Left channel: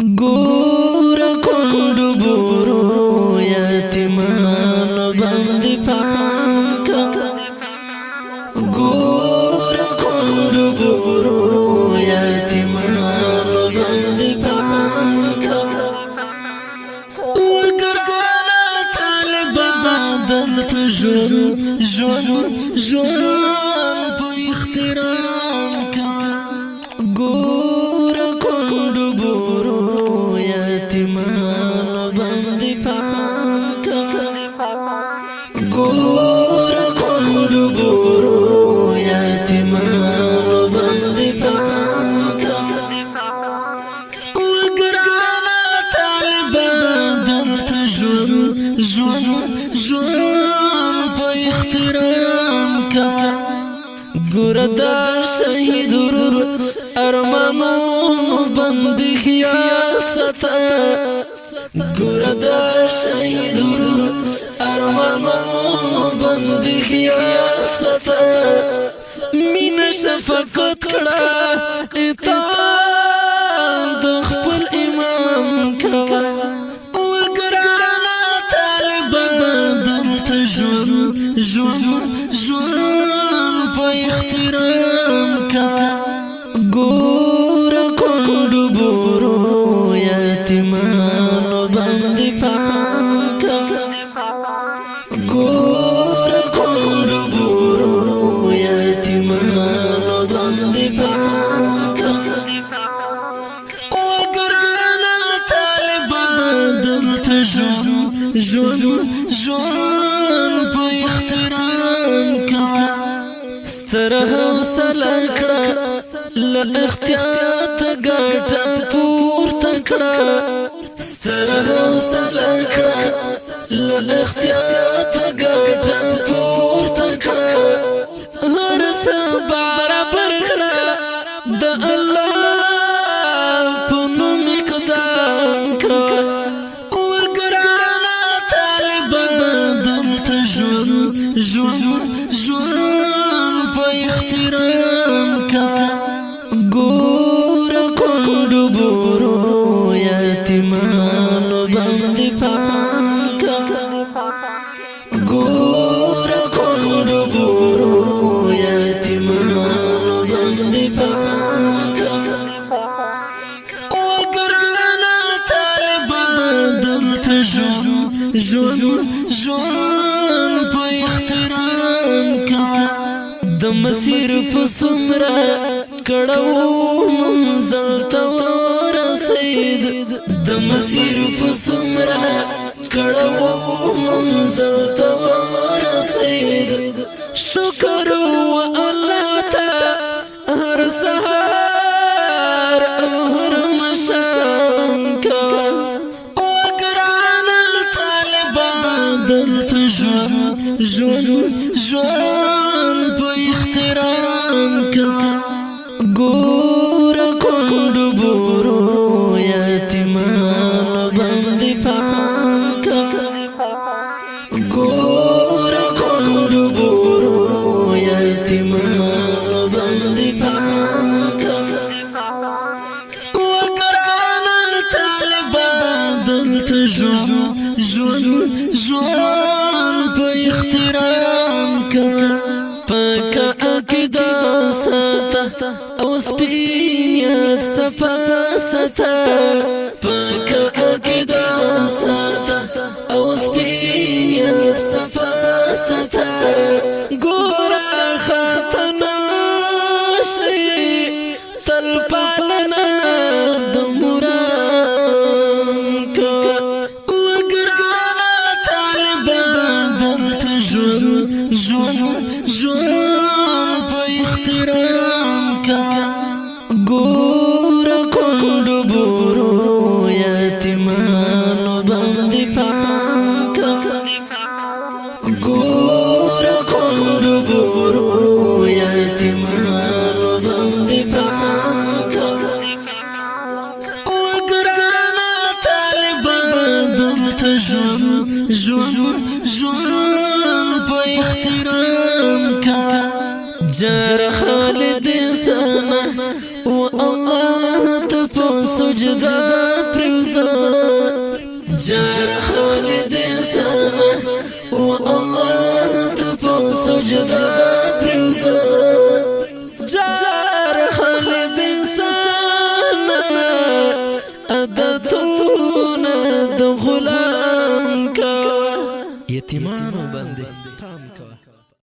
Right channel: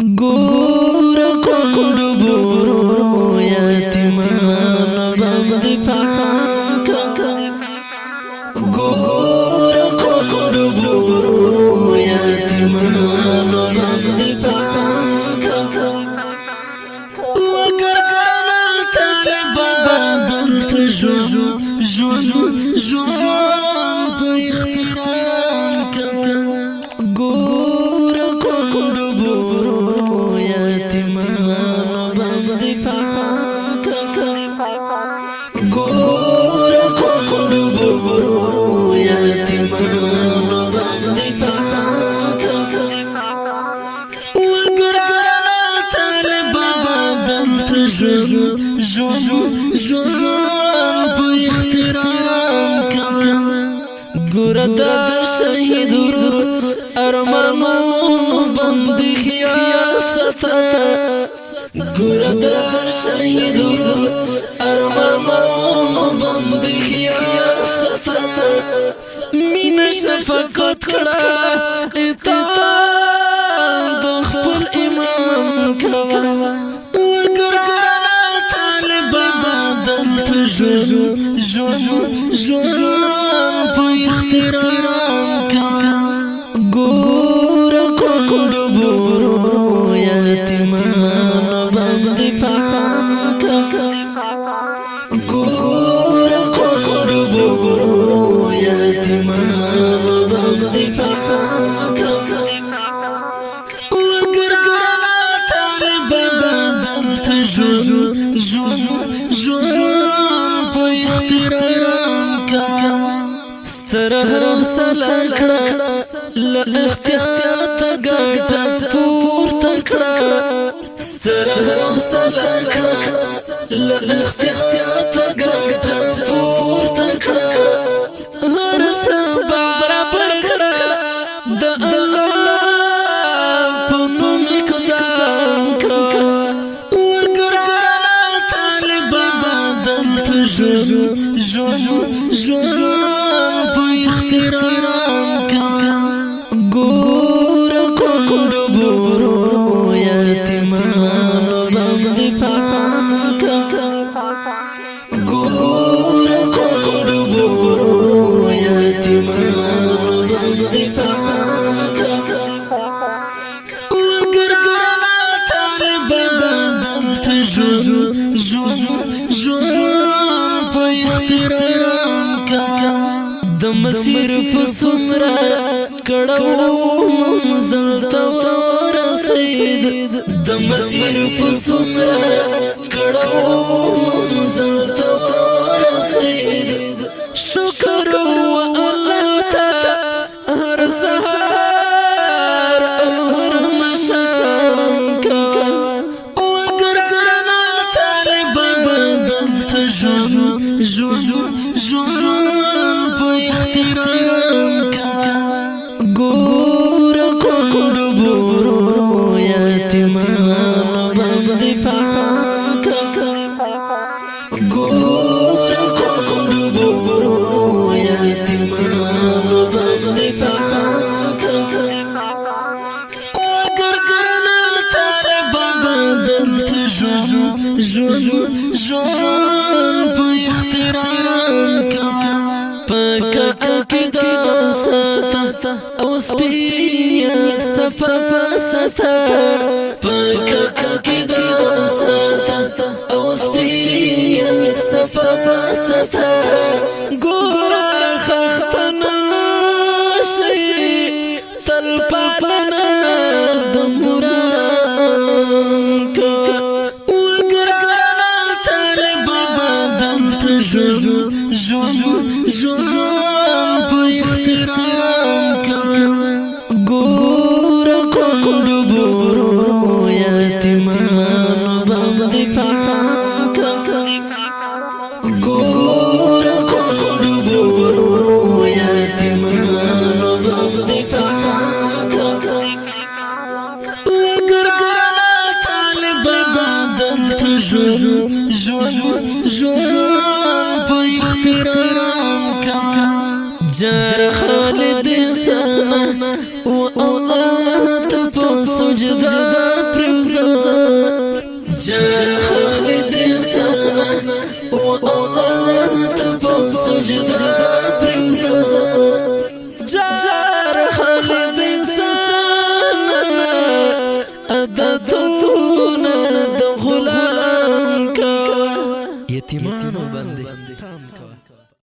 ګور کندو بورو یتیمان باندې پام کا ګور کندو بورو یتیمان باندې پام کا وګرانا طالبان دلته ژوند په احترام کا ګور کندو بورو یتیمان باندې پام کا ګور کندو بورو یتیمان باندې پام کا وګرانا طالبان دلته ژوند په احترام کا ګور دا شهید ورور ارمانونو باندې خیال ساته ګور دا شهید ورور ارمانونو باندې خیال ساته مینه شفقت کړه اطاعت د خپل امام کوه وګرانا طالبان دلته ژوند په احترام کا ګور کندو بورو یتیمان باندې پام کا ګور کندو بورو یتیمان باندې پام کا وګرانا طالبان دلته ژوند په احترام کا ستر حوصله کړه له احتیاط ګټه پورته کړه ستر حوصله کړه له احتیاط ګټه پورته کړه هر څه برابر کړه د الله په نوم اقدام کوه وګرانا طالبان دلته ژوند په احترام کا ګور کندو بورو یتیمان باندې پام کا ګور کندو بورو یتیمان باندې پام کا وګرانا طالبان دلته ژوند په احترام کا د مسیر په څومره کړهو منزل ته ورسید د مسیر په څومره کړهو منزل ته ورسید شکر و الله ته هر سهار او هر مشام کوه وګرانا طالبان دلته ژوند په احترام کا ګور کندو بورو یتیمان باندې پام کا ګور کندو بورو یتیمان باندې پام کا وګرانا طالبان دلته ژوند په احترام کا پاک عقیده ساته او سپینیت صفا ساته پاک عقیده ساته او سپینیت صفا ساته ګوره خاتنه شي تل پالنه د مرام کوه وګرانا طالبان دلته ژوند په احترام کا ګور کندو بورو یتیمان باندې پام کا ګور کندو بورو یتیمان باندې پام کا وګرانا طالبان دلته ژوند په احترام کا جار خالد سنه و الله ته په سجده و الله تپو سجدا پریوزا جار خالد انسان عادتون د غلام کوا یتیمانو باندې پام کوا